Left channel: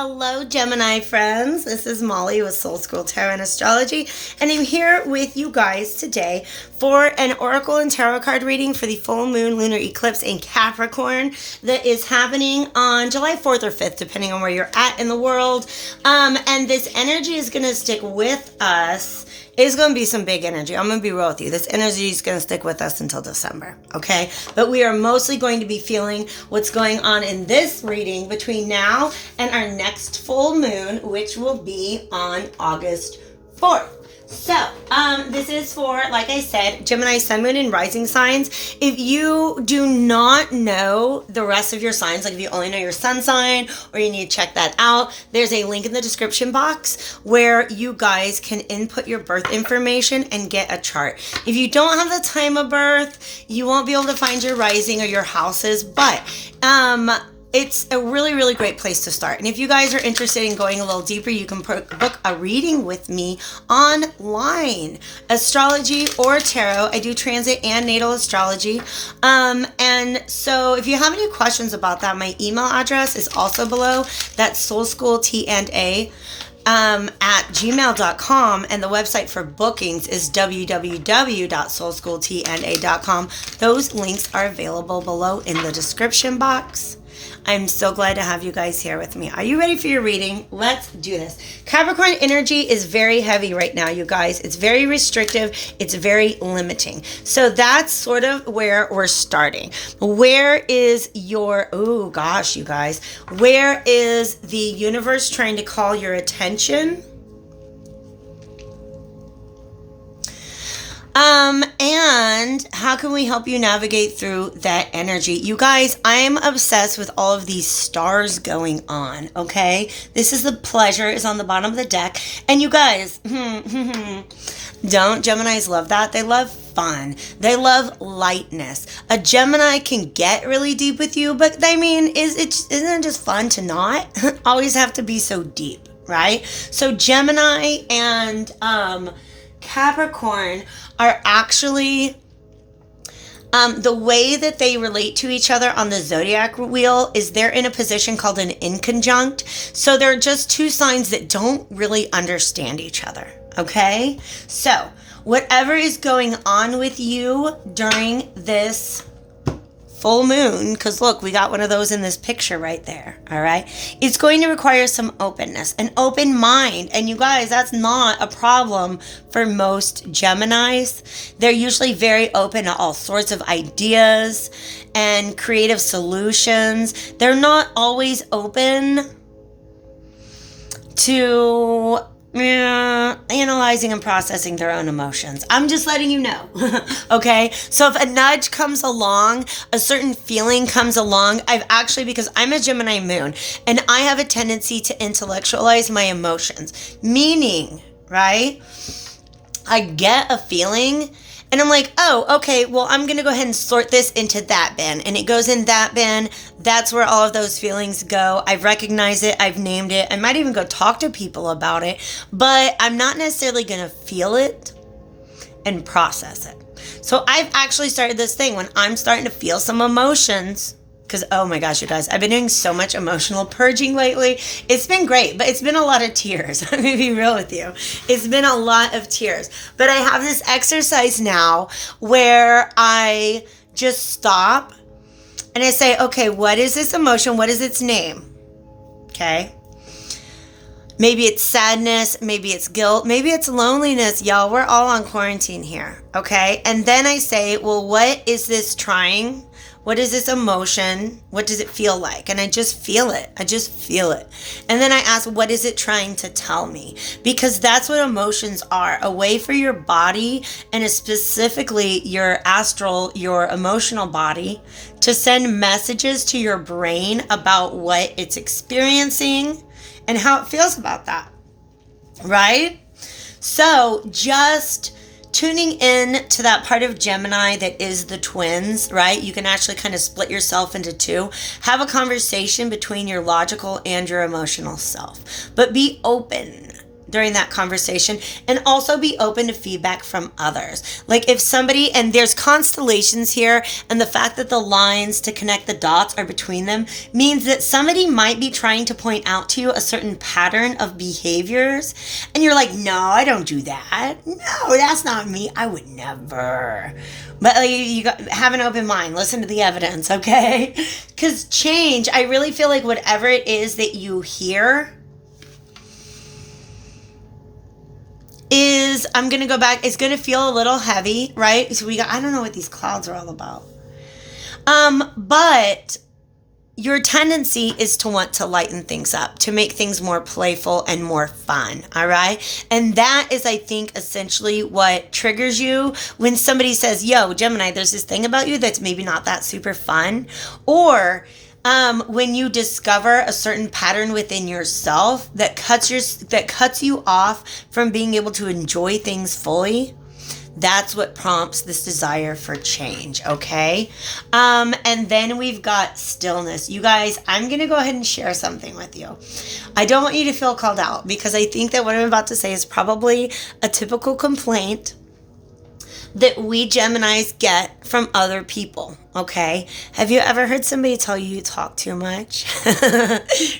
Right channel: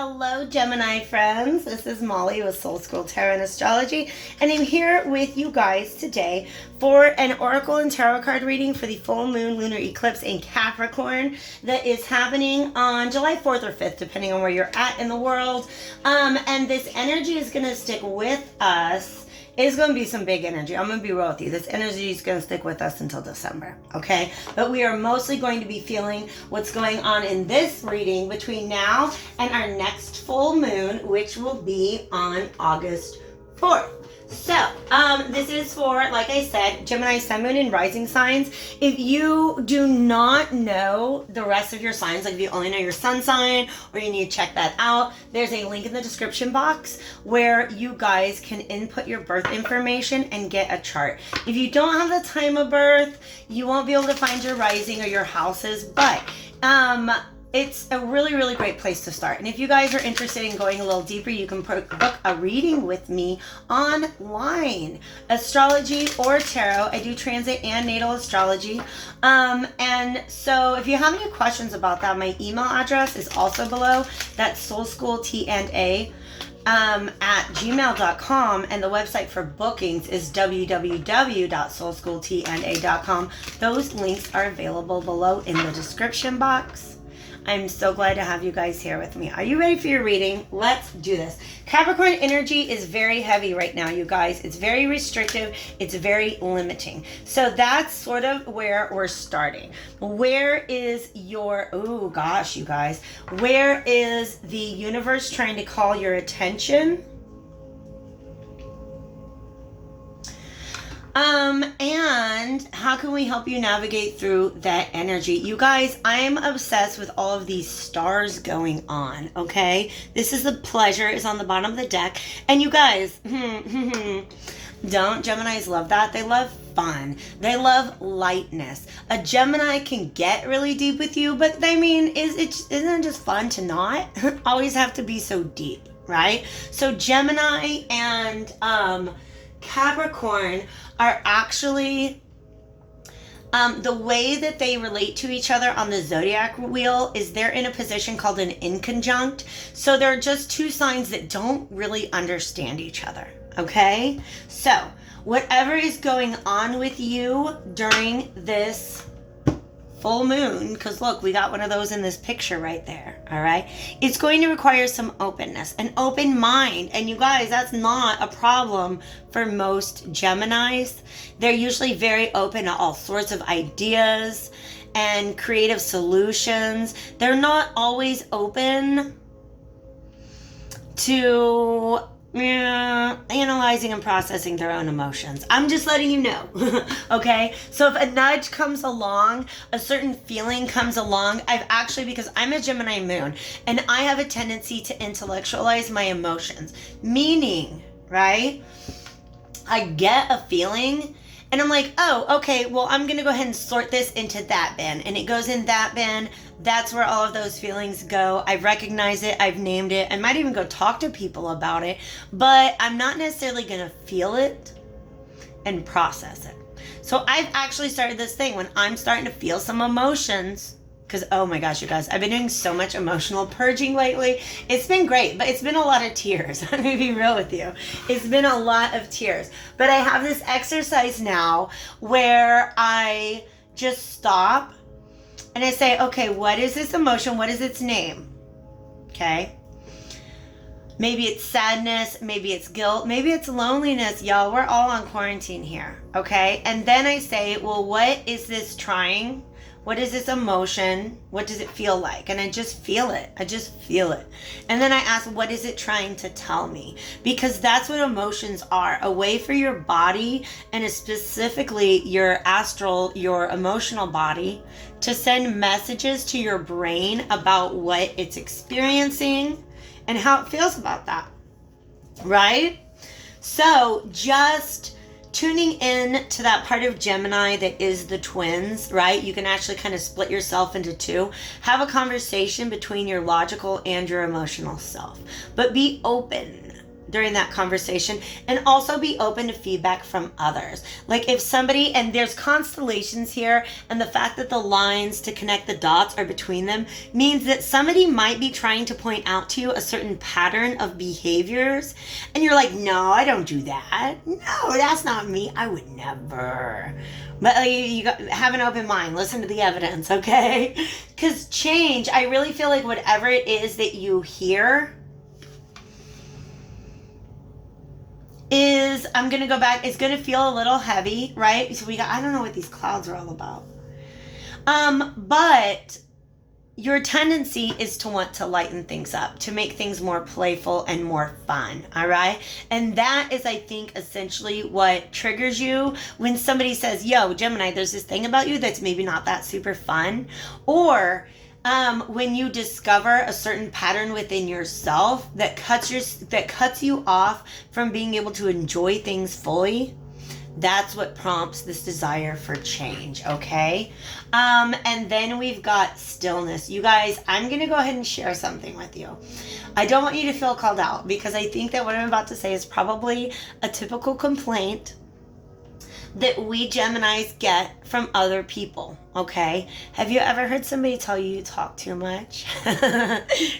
Hello, Gemini friends. This is Molly with Soul School Tarot and Astrology, and I'm here with you guys today for an Oracle and Tarot card reading for the full moon lunar eclipse in Capricorn that is happening on July 4th or 5th, depending on where you're at in the world. And this energy is going to stick with us. It's going to be some big energy. I'm going to be real with you. This energy is going to stick with us until December, okay? But we are mostly going to be feeling what's going on in this reading between now and our next full moon, which will be on August 4th. So, this is for, like I said, Gemini, Sun, Moon, and Rising signs. If you do not know the rest of your signs, like if you only know your sun sign or you need to check that out, there's a link in the description box where you guys can input your birth information and get a chart. If you don't have the time of birth, you won't be able to find your rising or your houses, but it's a really, really great place to start. And if you guys are interested in going a little deeper, you can book a reading with me online. Astrology or tarot. I do transit and natal astrology. And so if you have any questions about that, my email address is also below. That's soulschooltna at gmail.com, and the website for bookings is www.soulschooltna.com. Those links are available below in the description box. I'm so glad to have you guys here with me. Are you ready for your reading? Let's do this. Capricorn energy is very heavy right now, you guys. It's very restrictive. It's very limiting. So that's sort of where we're starting. Where is your, oh gosh, you guys, where is the universe trying to call your attention? And how can we help you navigate through that energy? You guys, I am obsessed with all of these stars going on, okay? This is the pleasure is on the bottom of the deck. And you guys, don't Geminis love that? They love fun. They love lightness. A Gemini can get really deep with you, but I mean, isn't it just fun to not always have to be so deep, right? So Gemini and Capricorn are actually the way that they relate to each other on the zodiac wheel is they're in a position called an inconjunct. So they're just two signs that don't really understand each other. Okay? So whatever is going on with you during this full moon, because look, we got one of those in this picture right there, all right? It's going to require some openness, an open mind. And you guys, that's not a problem for most Geminis. They're usually very open to all sorts of ideas and creative solutions. They're not always open to analyzing and processing their own emotions. I'm just letting you know. Okay? So if a nudge comes along, a certain feeling comes along, because I'm a Gemini moon and I have a tendency to intellectualize my emotions. Meaning, right? I get a feeling and I'm like, oh, okay, well, I'm going to go ahead and sort this into that bin. And it goes in that bin. That's where all of those feelings go. I've recognized it. I've named it. I might even go talk to people about it. But I'm not necessarily going to feel it and process it. So I've actually started this thing when I'm starting to feel some emotions. Because, oh my gosh, you guys, I've been doing so much emotional purging lately. It's been great, but it's been a lot of tears. I'm going to be real with you. It's been a lot of tears. But I have this exercise now where I just stop and I say, okay, what is this emotion? What is its name? Okay. Maybe it's sadness. Maybe it's guilt. Maybe it's loneliness. Y'all, we're all on quarantine here. Okay. And then I say, well, what is this trying? What is this emotion? What does it feel like? And I just feel it. I just feel it. And then I ask, what is it trying to tell me? Because that's what emotions are. A way for your body, and specifically your astral, your emotional body, to send messages to your brain about what it's experiencing and how it feels about that. Right? So just tuning in to that part of Gemini that is the twins, right? You can actually kind of split yourself into two. Have a conversation between your logical and your emotional self. But be open during that conversation, and also be open to feedback from others. Like if somebody, and there's constellations here, and the fact that the lines to connect the dots are between them means that somebody might be trying to point out to you a certain pattern of behaviors, and you're like, no, I don't do that. No, that's not me. I would never. But have an open mind. Listen to the evidence, okay? Because change, I really feel like whatever it is that you hear is, I'm going to go back, it's going to feel a little heavy, right? So I don't know what these clouds are all about. But your tendency is to want to lighten things up, to make things more playful and more fun, all right? And that is, I think, essentially what triggers you when somebody says, yo, Gemini, there's this thing about you that's maybe not that super fun. Or when you discover a certain pattern within yourself that cuts you off from being able to enjoy things fully. That's what prompts this desire for change, okay? And then we've got stillness. You guys, I'm going to go ahead and share something with you. I don't want you to feel called out because I think that what I'm about to say is probably a typical complaint that we Geminis get from other people, okay? Have you ever heard somebody tell you talk too much?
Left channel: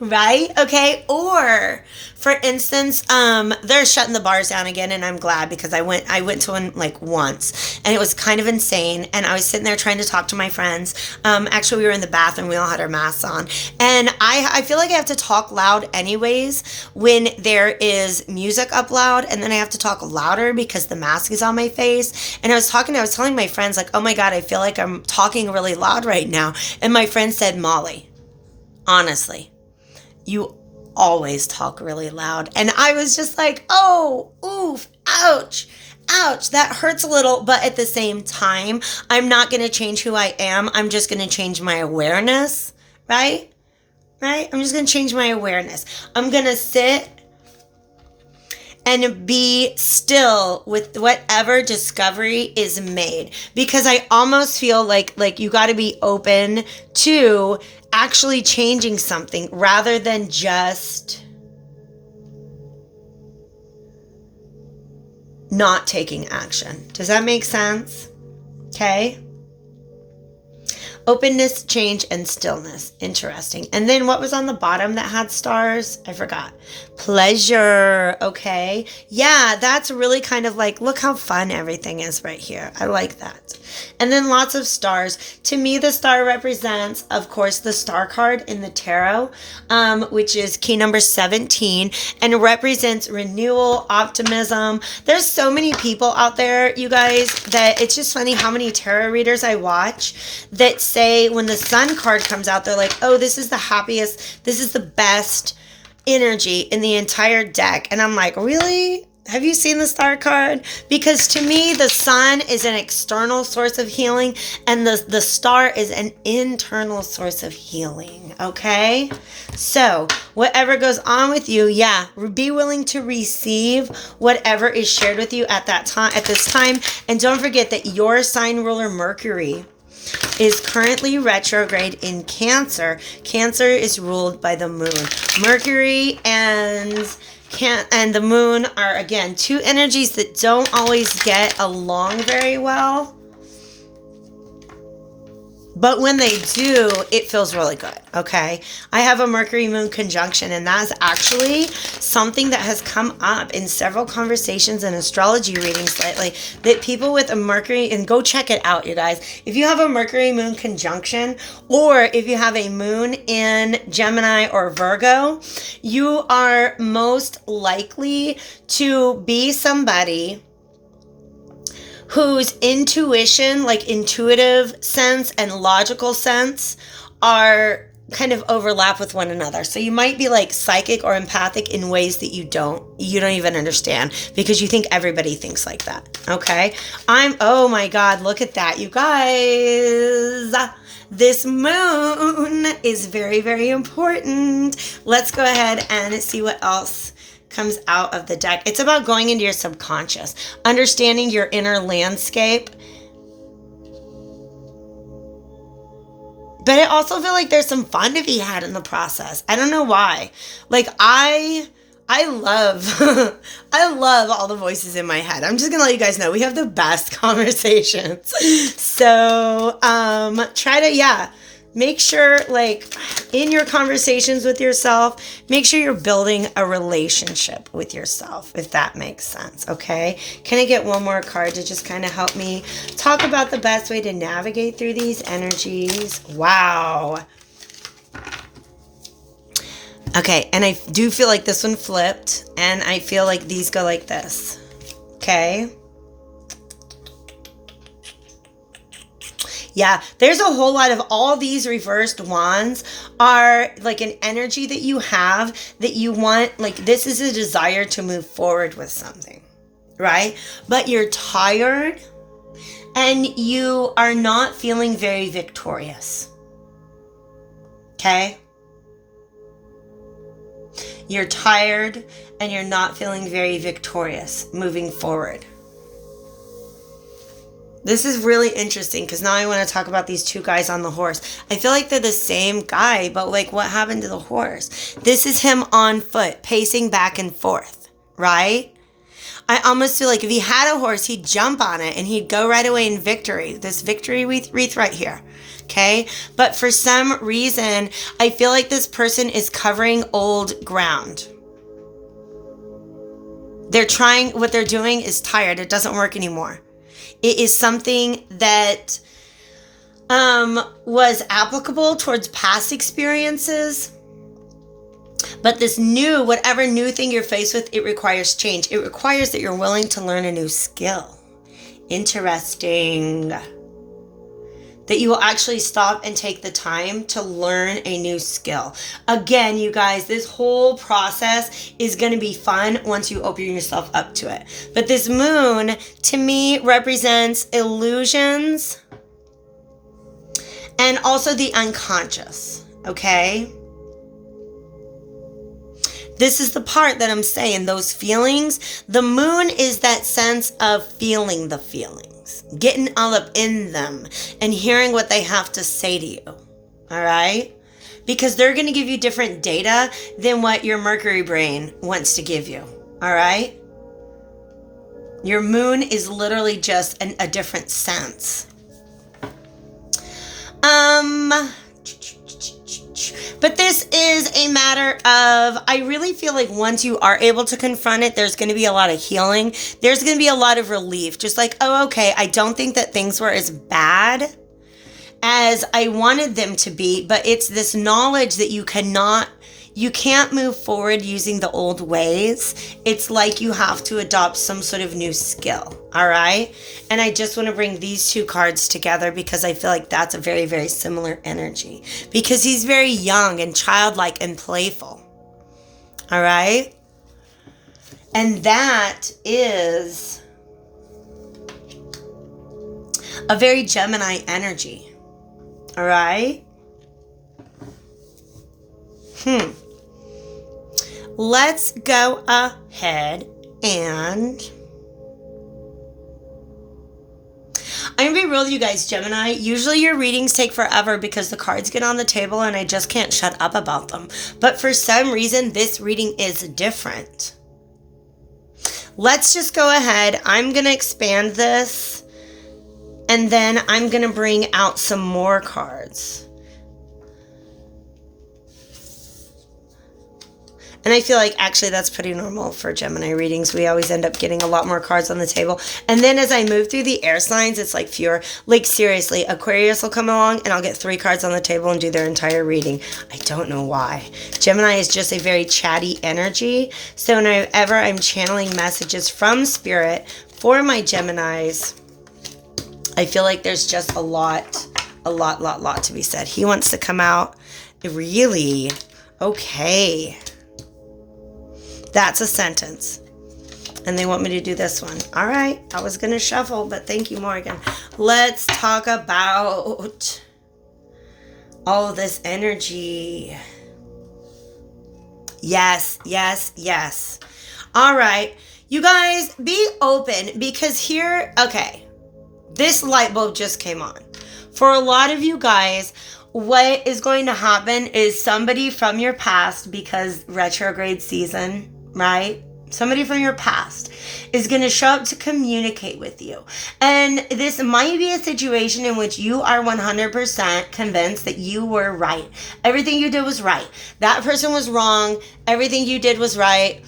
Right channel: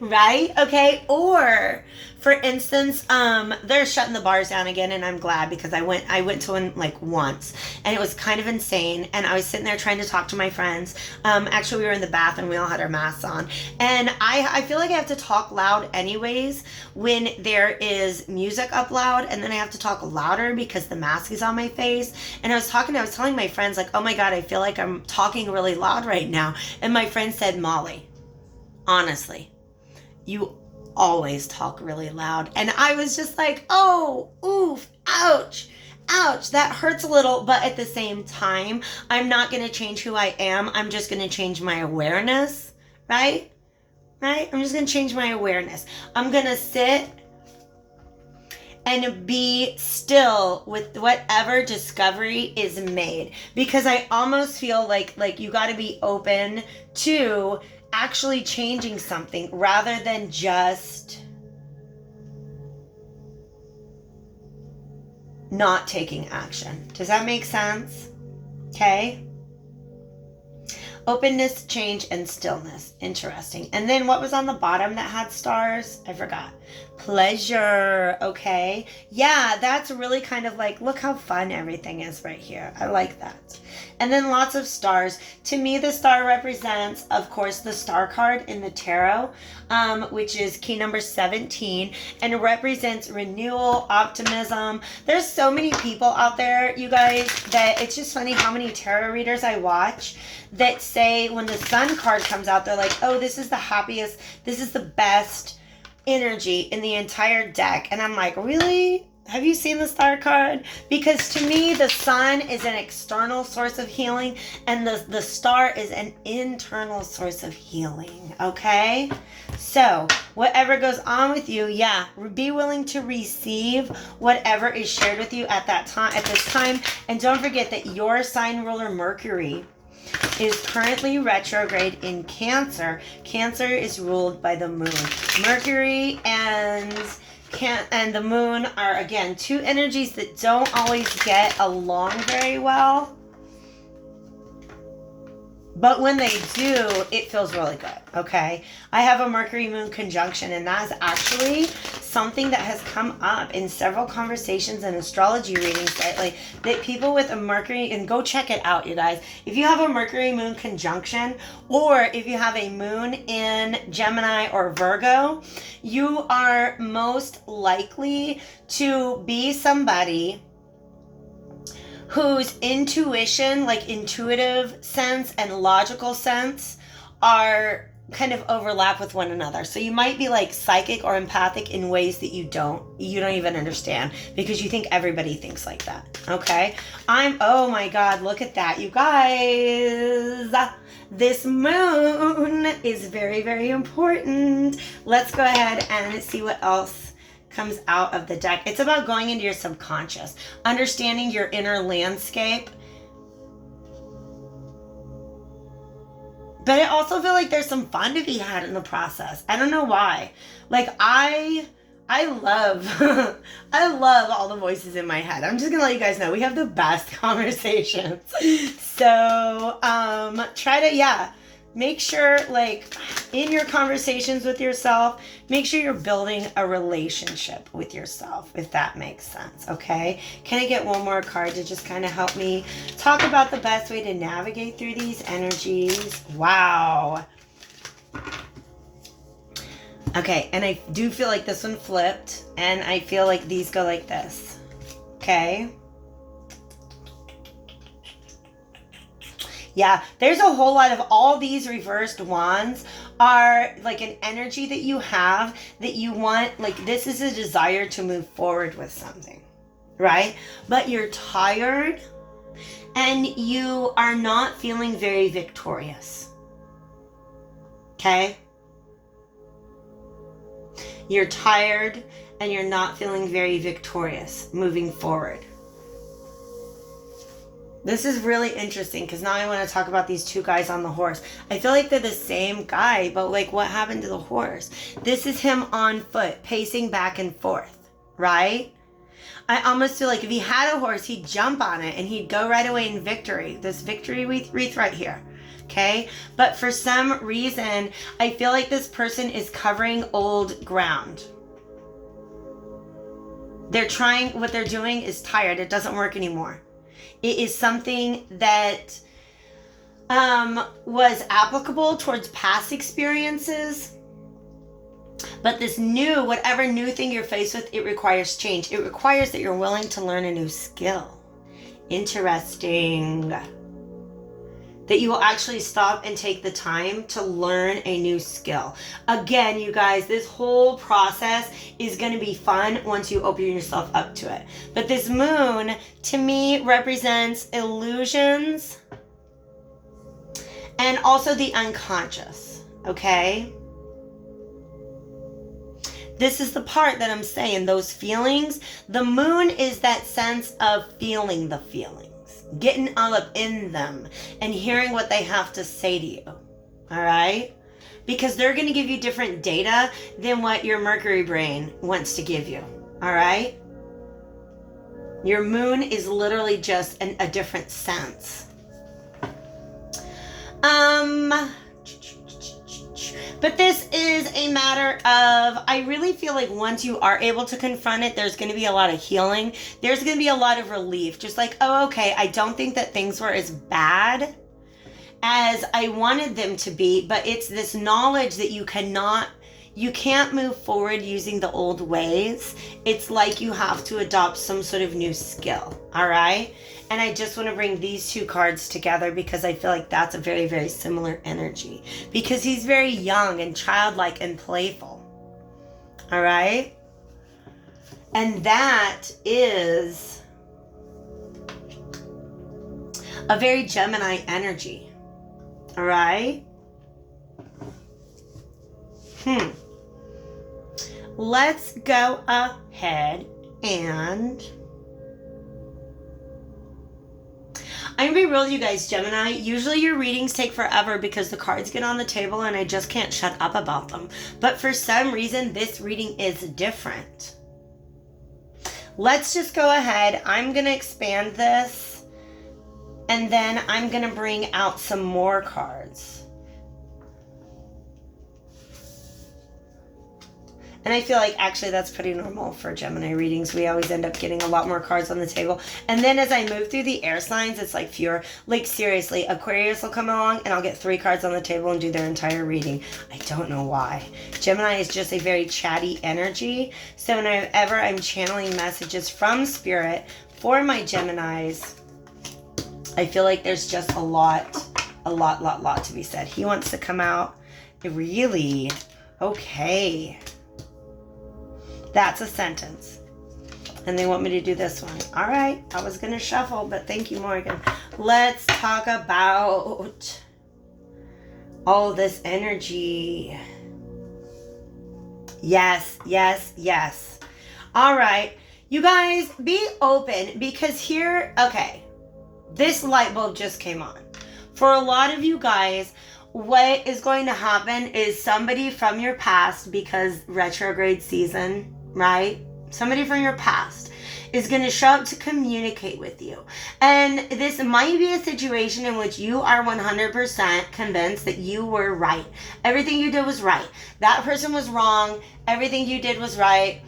Right? Okay? Or, for instance, they're shutting the bars down again, and I'm glad because I went to one like once, and it was kind of insane, and I was sitting there trying to talk to my friends. Actually, we were in the bathroom, we all had our masks on, and I feel like I have to talk loud anyways when there is music up loud, and then I have to talk louder because the mask is on my face. And I was telling my friends, like, oh my God, I feel like I'm talking really loud right now. And my friend said, Molly, honestly, you always talk really loud. And I was just like, oh, oof, ouch, that hurts a little. But at the same time, I'm not going to change who I am. I'm just going to change my awareness, right? I'm just going to change my awareness. I'm going to sit and be still with whatever discovery is made, because I almost feel like you got to be open to actually changing something rather than just not taking action. Does that make sense? Okay. Openness, change, and stillness. Interesting. And then what was on the bottom that had stars? I forgot. Pleasure. Okay. Yeah, that's really kind of like, look how fun everything is right here. I like that. And then lots of stars. To me, the star represents, of course, the star card in the tarot, which is key number 17, and represents renewal, optimism. There's so many people out there, you guys, that it's just funny how many tarot readers I watch that say when the sun card comes out, they're like, oh, this is the happiest, this is the best energy in the entire deck. And I'm like, really? Have you seen the star card? Because to me, the sun is an external source of healing, and the star is an internal source of healing, okay? So whatever goes on with you, yeah, be willing to receive whatever is shared with you at this time. And don't forget that your sign ruler, Mercury, is currently retrograde in Cancer. Cancer is ruled by the moon. Mercury and the moon are, again, two energies that don't always get along very well. But when they do, it feels really good, okay? I have a Mercury-Moon conjunction, and that's actually something that has come up in several conversations and astrology readings lately, that people with a Mercury, and go check it out, you guys. If you have a Mercury-Moon conjunction, or if you have a moon in Gemini or Virgo, you are most likely to be somebody whose intuition, like intuitive sense and logical sense, are kind of overlap with one another. So you might be like psychic or empathic in ways that you don't even understand, because you think everybody thinks like that. Okay. Oh my God, look at that, you guys. This moon is very, very important. Let's go ahead and see what else comes out of the deck. It's about going into your subconscious, understanding your inner landscape. But I also feel like there's some fun to be had in the process. I don't know why. Like I I love I love all the voices in my head. I'm just gonna let you guys know we have the best conversations. So try to make sure, like, in your conversations with yourself, make sure you're building a relationship with yourself, if that makes sense. Okay, can I get one more card to just kind of help me talk about the best way to navigate through these energies? Wow. Okay, and I do feel like this one flipped, and I feel like these go like this. Okay. Yeah, there's a whole lot of all these reversed wands are like an energy that you have that you want, like this is a desire to move forward with something, right? But you're tired and you are not feeling very victorious. Okay? You're tired and you're not feeling very victorious moving forward. This is really interesting because now I want to talk about these two guys on the horse. I feel like they're the same guy, but like what happened to the horse? This is him on foot, pacing back and forth, right? I almost feel like if he had a horse, he'd jump on it and he'd go right away in victory. This victory wreath right here. Okay, but for some reason, I feel like this person is covering old ground. What they're doing is tired. It doesn't work anymore. It is something that was applicable towards past experiences. But this whatever new thing you're faced with, it requires change. It requires that you're willing to learn a new skill. Interesting. That you will actually stop and take the time to learn a new skill. Again, you guys, this whole process is going to be fun once you open yourself up to it. But this moon, to me, represents illusions and also the unconscious, okay? This is the part that I'm saying, those feelings. The moon is that sense of feeling the feelings. Getting all up in them and hearing what they have to say to you. All right? Because they're going to give you different data than what your Mercury brain wants to give you. All right? Your moon is literally just a different sense. But this is a matter of, I really feel like once you are able to confront it, there's going to be a lot of healing. There's going to be a lot of relief. Just like, oh, okay, I don't think that things were as bad as I wanted them to be. But it's this knowledge that you can't move forward using the old ways. It's like you have to adopt some sort of new skill. All right. And I just want to bring these two cards together because I feel like that's a very, very similar energy because he's very young and childlike and playful. All right. And that is a very Gemini energy. All right. Let's go ahead and I'm going to be real with you guys, Gemini. Usually your readings take forever because the cards get on the table and I just can't shut up about them. But for some reason, this reading is different. Let's just go ahead. I'm going to expand this and then I'm going to bring out some more cards. And I feel like actually that's pretty normal for Gemini readings. We always end up getting a lot more cards on the table. And then as I move through the air signs, it's like fewer. Like seriously, Aquarius will come along and I'll get 3 cards on the table and do their entire reading. I don't know why. Gemini is just a very chatty energy. So whenever I'm channeling messages from Spirit for my Geminis, I feel like there's just a lot to be said. He wants to come out. Really? Okay. That's a sentence. And they want me to do this one. All right. I was going to shuffle, but thank you, Morgan. Let's talk about all this energy. Yes, yes, yes. All right. You guys, be open because here, okay, this light bulb just came on. For a lot of you guys, what is going to happen is somebody from your past, because retrograde season, right? Somebody from your past is going to show up to communicate with you. And this might be a situation in which you are 100% convinced that you were right. Everything you did was right. That person was wrong. Everything you did was right.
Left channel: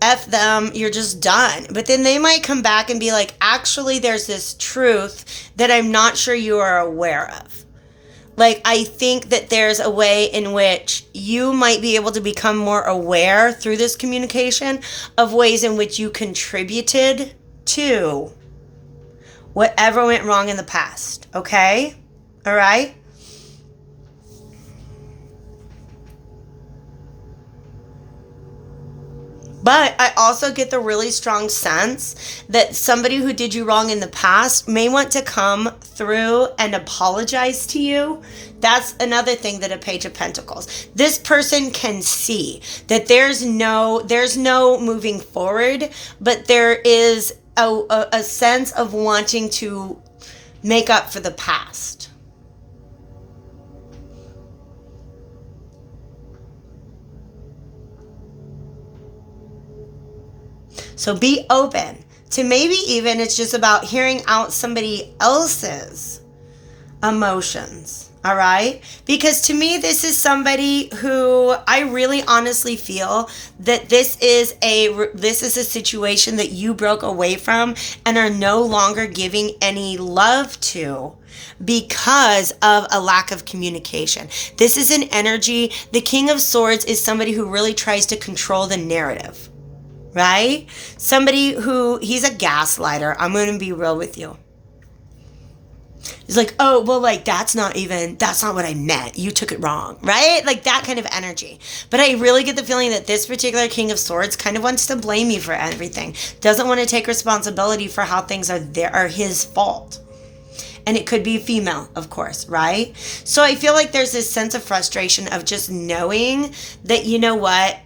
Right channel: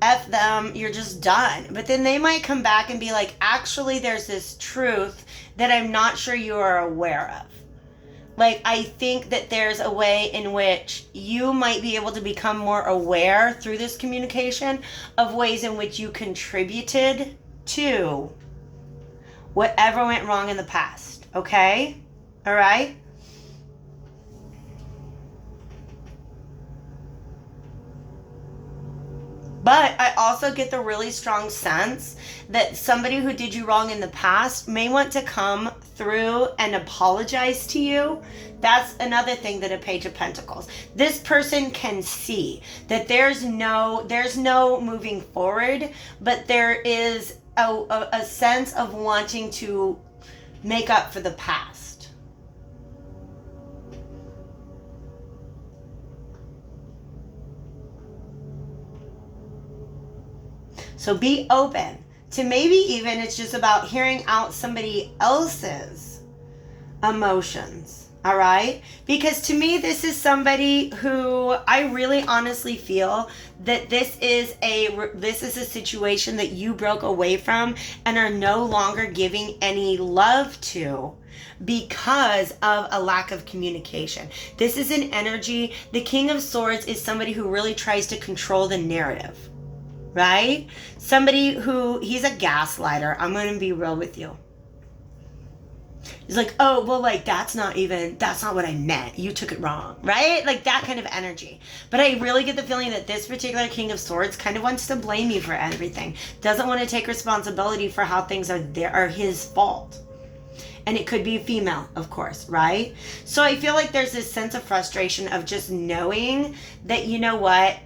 F them, you're just done. But then they might come back and be like, actually, there's this truth that I'm not sure you are aware of. Like, I think that there's a way in which you might be able to become more aware through this communication of ways in which you contributed to whatever went wrong in the past. Okay? All right? But I also get the really strong sense that somebody who did you wrong in the past may want to come through and apologize to you. That's another thing that a Page of Pentacles. This person can see that there's no moving forward, but there is a sense of wanting to make up for the past. So be open to maybe even it's just about hearing out somebody else's emotions, all right? Because to me, this is somebody who I really honestly feel that this is a situation that you broke away from and are no longer giving any love to because of a lack of communication. This is an energy. The King of Swords is somebody who really tries to control the narrative. Right? Somebody who, he's a gaslighter. I'm going to be real with you. He's like, oh, well, like, that's not what I meant. You took it wrong, right? Like that kind of energy. But I really get the feeling that this particular King of Swords kind of wants to blame you for everything. Doesn't want to take responsibility for how things are his fault. And it could be female, of course, right? So I feel like there's this sense of frustration of just knowing that, you know what,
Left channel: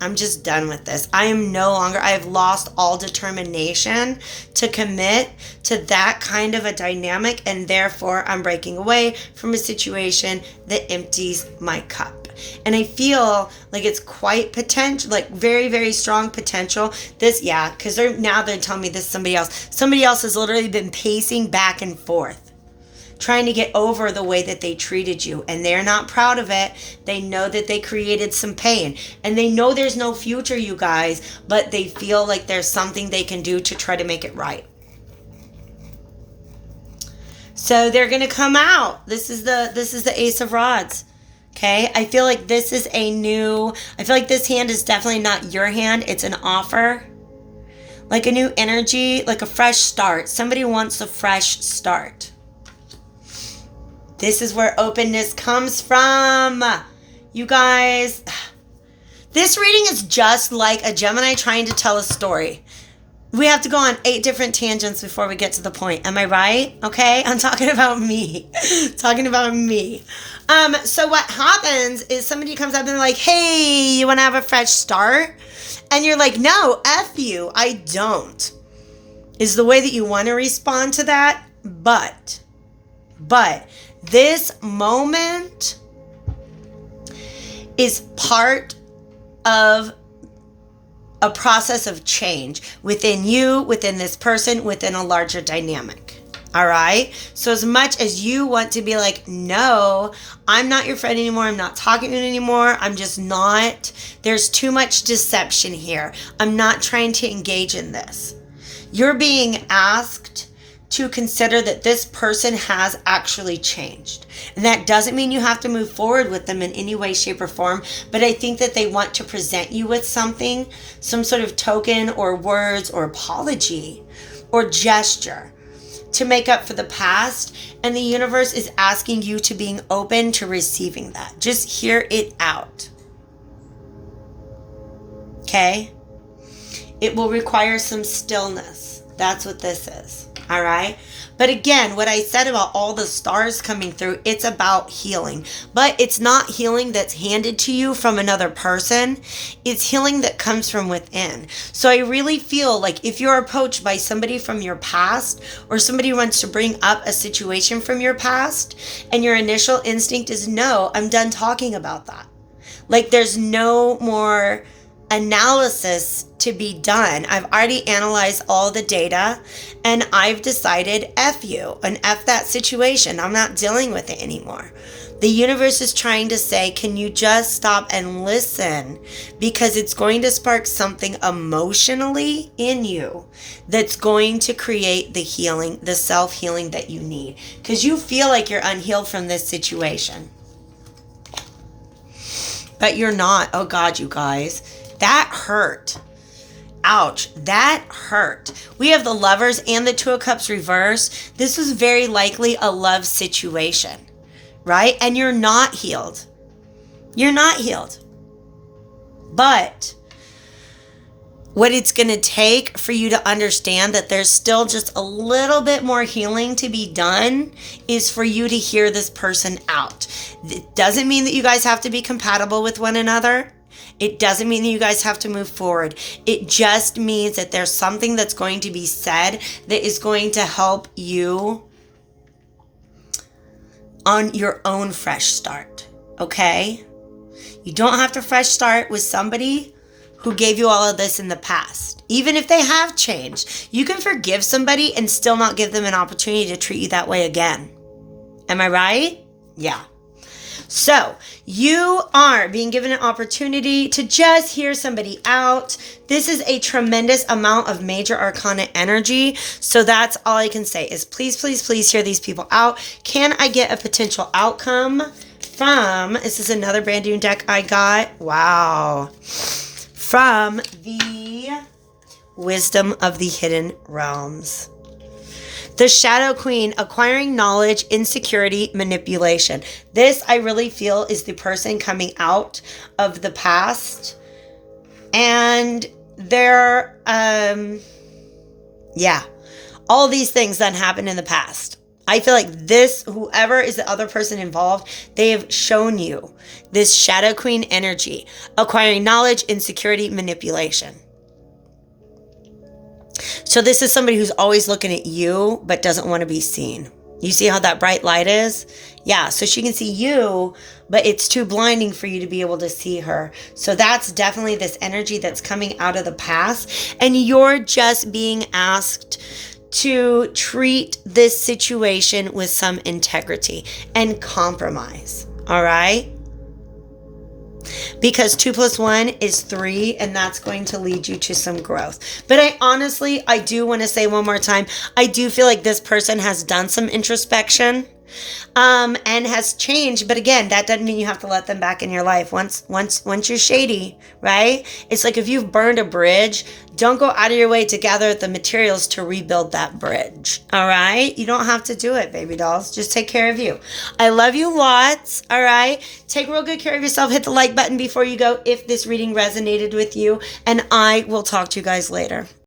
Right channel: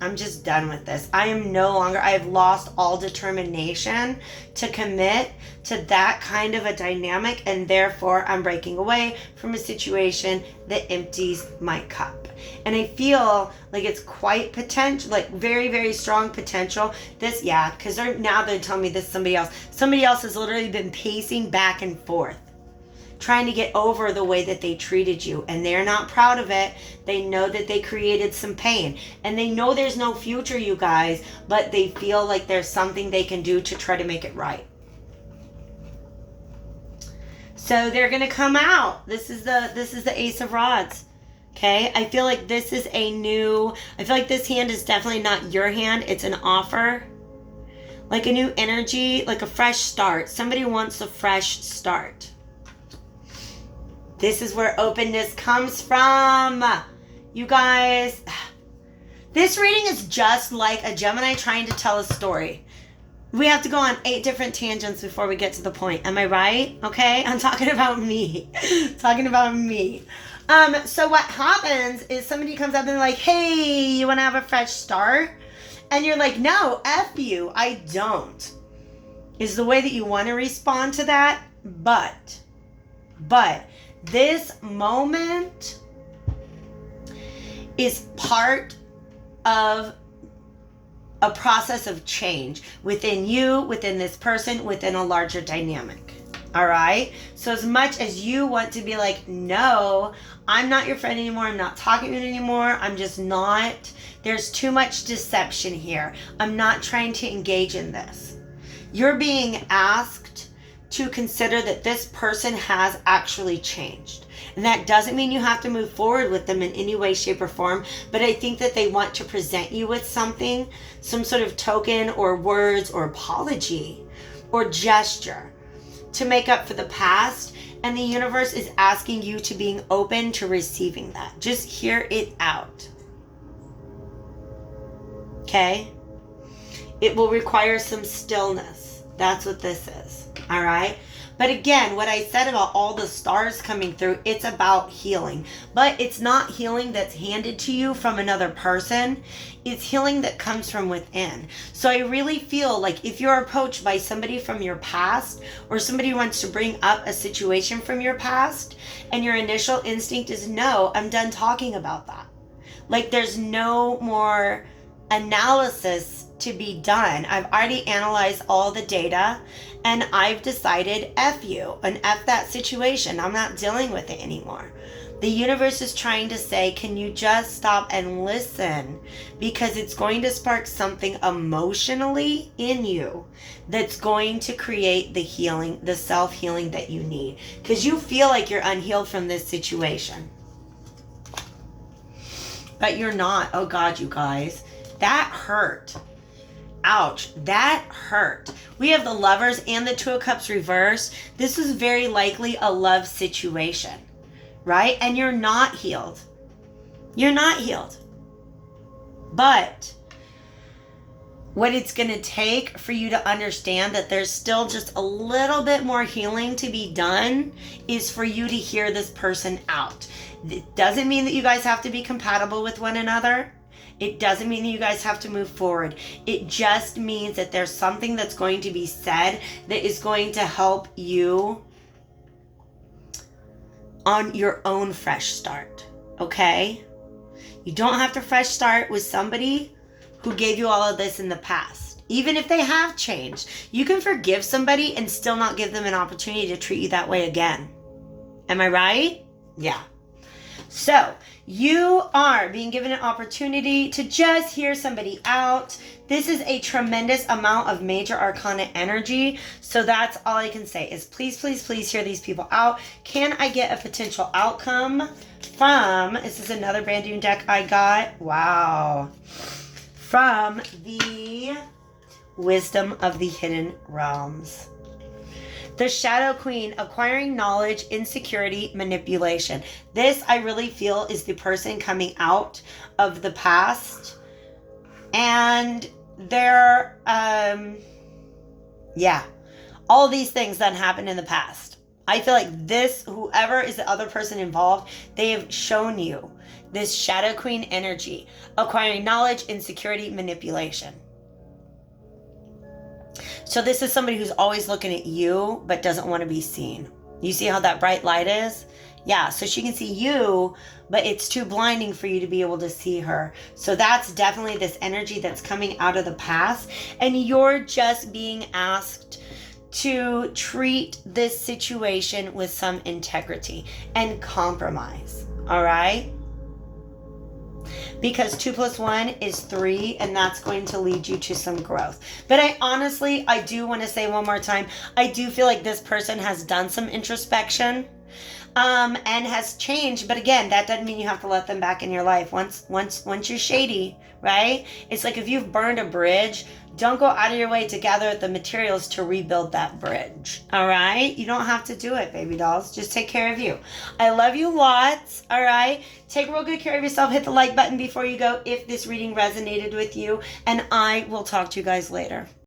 I'm just done with this. I've lost all determination to commit to that kind of a dynamic, and therefore I'm breaking away from a situation that empties my cup. And I feel like it's quite potential, like very, very strong potential. Because they're telling me this somebody else. Somebody else has literally been pacing back and forth, trying to get over the way that they treated you. And they're not proud of it. They know that they created some pain. And they know there's no future, you guys, but they feel like there's something they can do to try to make it right. So they're going to come out. This is the Ace of Rods. Okay, I feel like this hand is definitely not your hand. It's an offer, like a new energy, like a fresh start. Somebody wants a fresh start. This is where openness comes from, you guys. This reading is just like a Gemini trying to tell a story. We have to go on 8 different tangents before we get to the point. Am I right? Okay, I'm talking about me. So what happens is somebody comes up and they're like, hey, you want to have a fresh start? And you're like, no, F you, I don't. Is the way that you want to respond to that. But this moment is part of a process of change within you, within this person, within a larger dynamic. All right. So as much as you want to be like, no, I'm not your friend anymore. I'm not talking to you anymore. I'm just not. There's too much deception here. I'm not trying to engage in this. You're being asked to consider that this person has actually changed. And that doesn't mean you have to move forward with them in any way, shape, or form. But I think that they want to present you with something, some sort of token or words or apology or gesture to make up for the past, and the universe is asking you to being open to receiving that. Just hear it out. Okay? It will require some stillness. That's what this is. All right? But again, what I said about all the stars coming through, it's about healing. But it's not healing that's handed to you from another person. It's healing that comes from within. So I really feel like if you're approached by somebody from your past, or somebody wants to bring up a situation from your past, and your initial instinct is, no, I'm done talking about that. Like there's no more analysis to be done. I've already analyzed all the data and I've decided F you and F that situation. I'm not dealing with it anymore. The universe is trying to say, can you just stop and listen? Because it's going to spark something emotionally in you that's going to create the healing, the self-healing that you need. Because you feel like you're unhealed from this situation. But you're not. Oh God, you guys. That hurt. Ouch, that hurt. We have the Lovers and the Two of Cups reverse. This is very likely a love situation, right? And you're not healed. You're not healed. But what it's going to take for you to understand that there's still just a little bit more healing to be done is for you to hear this person out. It doesn't mean that you guys have to be compatible with one another. It doesn't mean that you guys have to move forward. It just means that there's something that's going to be said that is going to help you on your own fresh start, okay? You don't have to fresh start with somebody who gave you all of this in the past. Even if they have changed, you can forgive somebody and still not give them an opportunity to treat you that way again. Am I right? Yeah. So you are being given an opportunity to just hear somebody out. This is a tremendous amount of major arcana energy. So that's all I can say is please, please, please hear these people out. Can I get a potential outcome from, this is another brand new deck I got. Wow. From the Wisdom of the Hidden Realms. The Shadow Queen, acquiring knowledge, insecurity, manipulation. This, I really feel, is the person coming out of the past. And they're, all these things that happened in the past. I feel like this, whoever is the other person involved, they have shown you this Shadow Queen energy, acquiring knowledge, insecurity, manipulation. So this is somebody who's always looking at you, but doesn't want to be seen. You see how that bright light is? Yeah, so she can see you, but it's too blinding for you to be able to see her. So that's definitely this energy that's coming out of the past. And you're just being asked to treat this situation with some integrity and compromise. All right? Because 2 + 1 is 3, and that's going to lead you to some growth. But I do want to say one more time, I do feel like this person has done some introspection and has changed. But again, that doesn't mean you have to let them back in your life. Once you're shady, right? It's like if you've burned a bridge, don't go out of your way to gather the materials to rebuild that bridge. All right? You don't have to do it, baby dolls. Just take care of you. I love you lots. All right? Take real good care of yourself. Hit the like button before you go if this reading resonated with you. And I will talk to you guys later.